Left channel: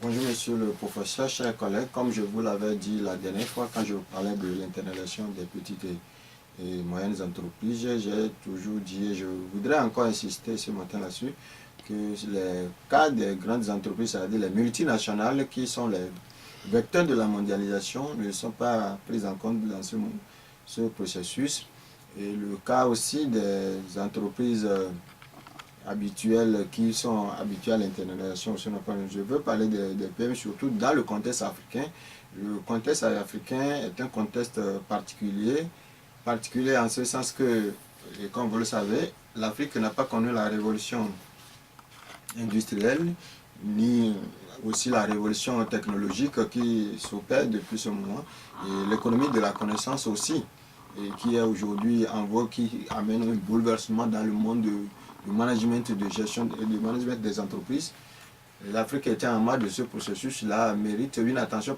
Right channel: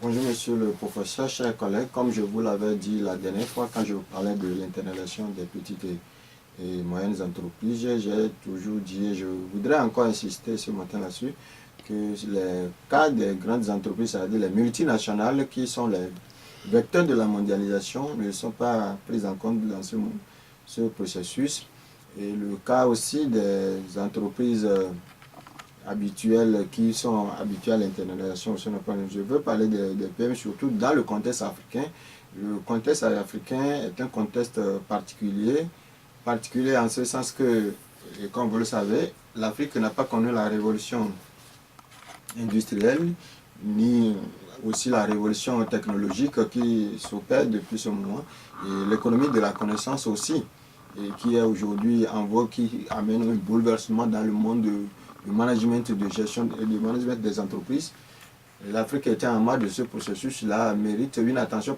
Bonjour monsieur le professeur, chers collègues. Comme je vous l'avais dit la dernière fois quand je vous parlais de l'internalisation des petites et moyennes entreprises, j'ai toujours dit et je voudrais encore insister ce matin là-dessus que les cas des grandes entreprises, c'est-à-dire les multinationales qui sont les vecteurs de la mondialisation, ne sont pas pris en compte dans ce processus. Et le cas aussi des entreprises habituels qui sont habitués à l'internalisation. Je veux parler des PME surtout dans le contexte africain. Le contexte africain est un contexte particulier en ce sens que, et comme vous le savez, l'Afrique n'a pas connu la révolution industrielle, ni aussi la révolution technologique qui s'opère depuis ce moment, et l'économie de la connaissance aussi, et qui est aujourd'hui en voie, qui amène un bouleversement dans le monde du management de gestion et du management des entreprises. L'Afrique était en marge de ce processus-là, mérite une attention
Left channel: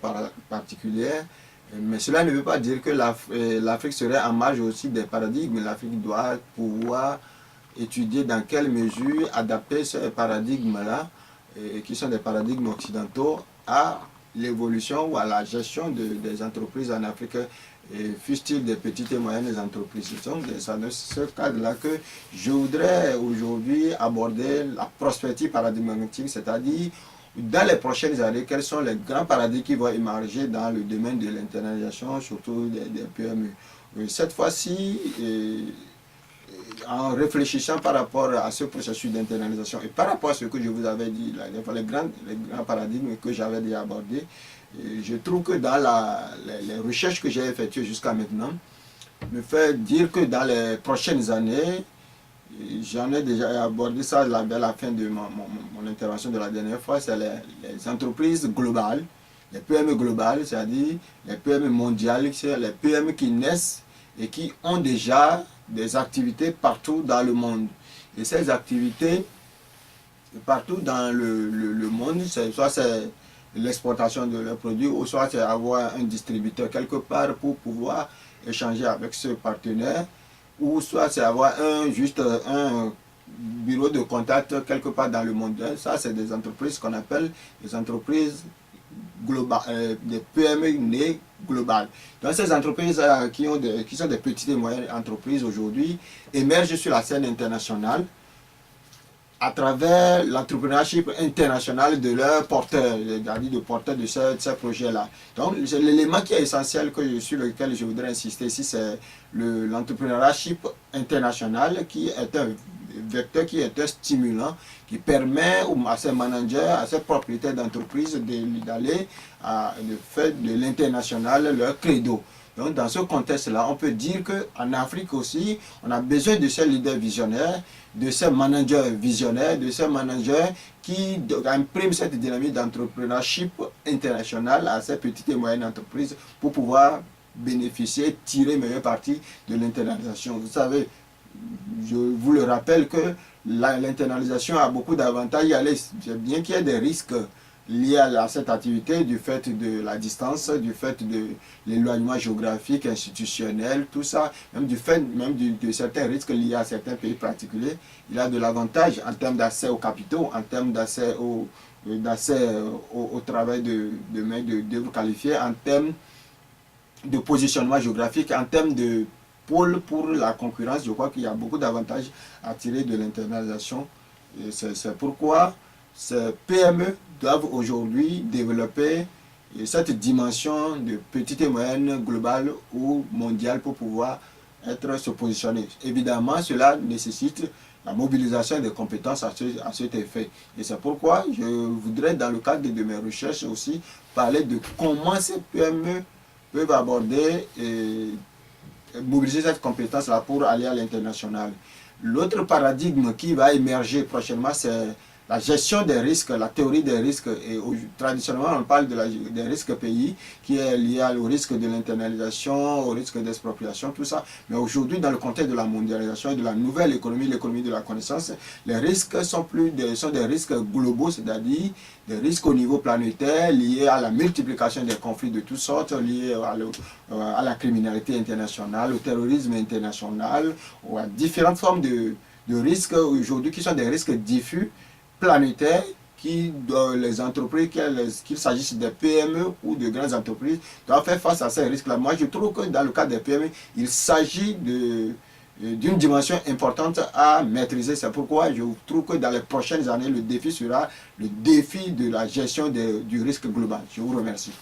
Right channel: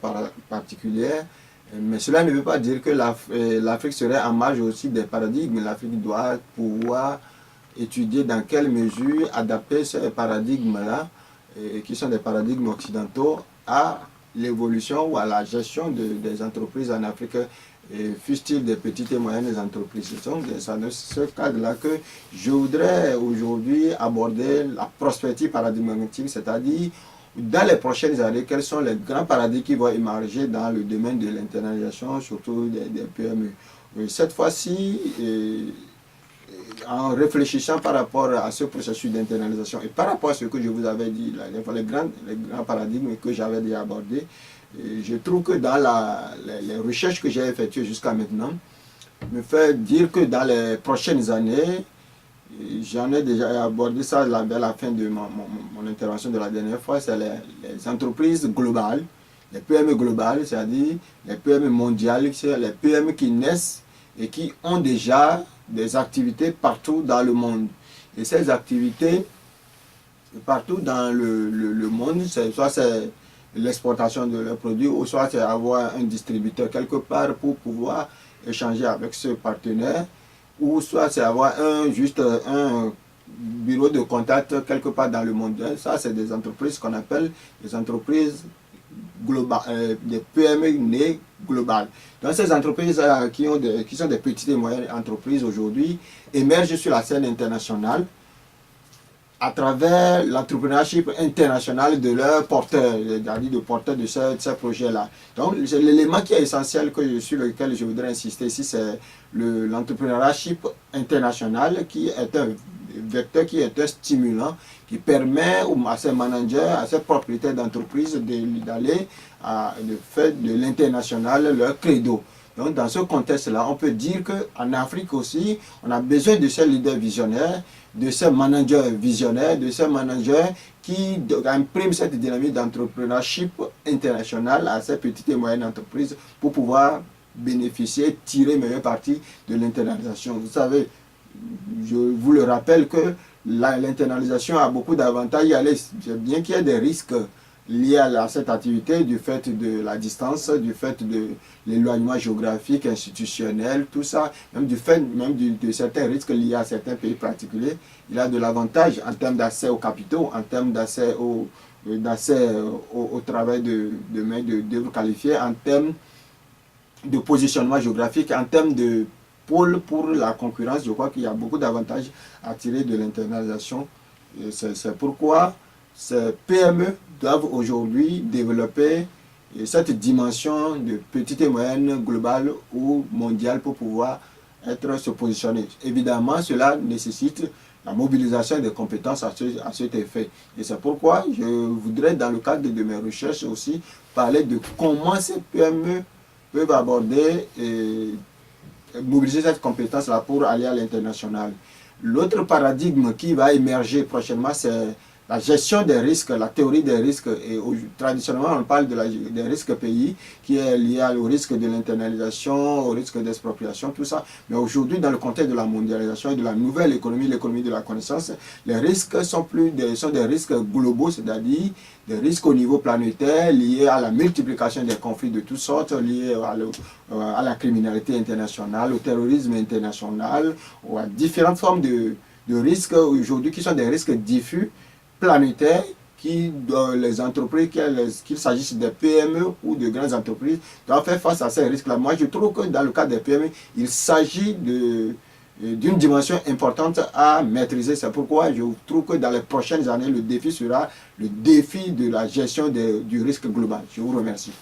particulière, mais cela ne veut pas dire que l'Afrique serait en marge aussi des paradigmes. L'Afrique doit pouvoir étudier dans quelle mesure adapter ces paradigmes-là, qui sont des paradigmes occidentaux, à l'évolution ou à la gestion des entreprises en Afrique, fussent-ils des petites et moyennes entreprises. C'est dans ce cadre-là que je voudrais aujourd'hui aborder la prospective paradigmatique, c'est-à-dire dans les prochaines années, quels sont les grands paradigmes qui vont émerger dans le domaine de l'internalisation, surtout des PME. Cette fois-ci, en réfléchissant par rapport à ce processus d'internalisation et par rapport à ce que je vous avais dit, les grands paradigmes que j'avais déjà abordés, je trouve que dans les recherches que j'ai effectuées jusqu'à maintenant, me fait dire que dans les prochaines années, j'en ai déjà abordé ça vers la fin de mon intervention de la dernière fois, c'est les entreprises globales, les PME globales, c'est-à-dire les PME mondiales, c'est les PME qui naissent et qui ont déjà des activités partout dans le monde. Et ces activités, partout dans le monde, soit c'est l'exportation de leurs produits, ou soit c'est avoir un distributeur quelque part pour pouvoir échanger avec ce partenaire, ou soit c'est avoir juste un bureau de contact quelque part dans le monde. Ça, c'est des entreprises qu'on appelle des entreprises globales, des PME nées globales. Donc ces entreprises qui sont des petites et moyennes entreprises aujourd'hui émergent sur la scène internationale à travers l'entrepreneurship international de leurs porteurs, c'est-à-dire de porteurs de ces projets-là. Donc, l'élément qui est essentiel sur lequel je voudrais insister ici, c'est l'entrepreneurship international qui est un vecteur, qui est un stimulant, qui permet à ces managers, à ces propriétaires d'entreprises d'aller de faire de l'international leur credo. Donc, dans ce contexte-là, on peut dire qu'en Afrique aussi, on a besoin de ces leaders visionnaires, de ces managers visionnaires, de ces managers qui impriment cette dynamique d'entrepreneurship international à ces petites et moyennes entreprises pour pouvoir bénéficier, tirer meilleur parti de l'internalisation. Vous savez, je vous le rappelle que l'internalisation a beaucoup d'avantages, bien qu'il y ait des risques liés à cette activité, du fait de la distance, du fait de l'éloignement géographique, institutionnel, tout ça, même du fait de certains risques liés à certains pays particuliers. Il a de l'avantage en termes d'accès aux capitaux, en termes d'accès au travail de main d'œuvre qualifiée, en termes de positionnement géographique, en termes de pôle pour la concurrence. Je crois qu'il y a beaucoup d'avantages à tirer de l'internalisation. C'est pourquoi ces PME doivent aujourd'hui développer cette dimension de petite et moyenne globale ou mondiale pour pouvoir se positionner. Évidemment, cela nécessite la mobilisation des compétences à cet effet. Et c'est pourquoi je voudrais, dans le cadre de mes recherches aussi, parler de comment ces PME peuvent aborder et mobiliser cette compétence-là pour aller à l'international. L'autre paradigme qui va émerger prochainement, c'est la gestion des risques, la théorie des risques. Et traditionnellement, on parle des risques pays, qui est lié au risque de l'internalisation, au risque d'expropriation, tout ça. Mais aujourd'hui, dans le contexte de la mondialisation et de la nouvelle économie, l'économie de la connaissance, les risques sont des risques globaux, c'est-à-dire des risques au niveau planétaire, liés à la multiplication des conflits de toutes sortes, liés à la criminalité internationale, au terrorisme international, ou à différentes formes de risques aujourd'hui qui sont des risques diffus, planétaires, les entreprises, qu'il s'agisse des PME ou de grandes entreprises, doivent faire face à ces risques-là. Moi, je trouve que dans le cas des PME, il s'agit d'une dimension importante à maîtriser. C'est pourquoi je trouve que dans les prochaines années, le défi sera le défi de la gestion du risque global. Je vous remercie.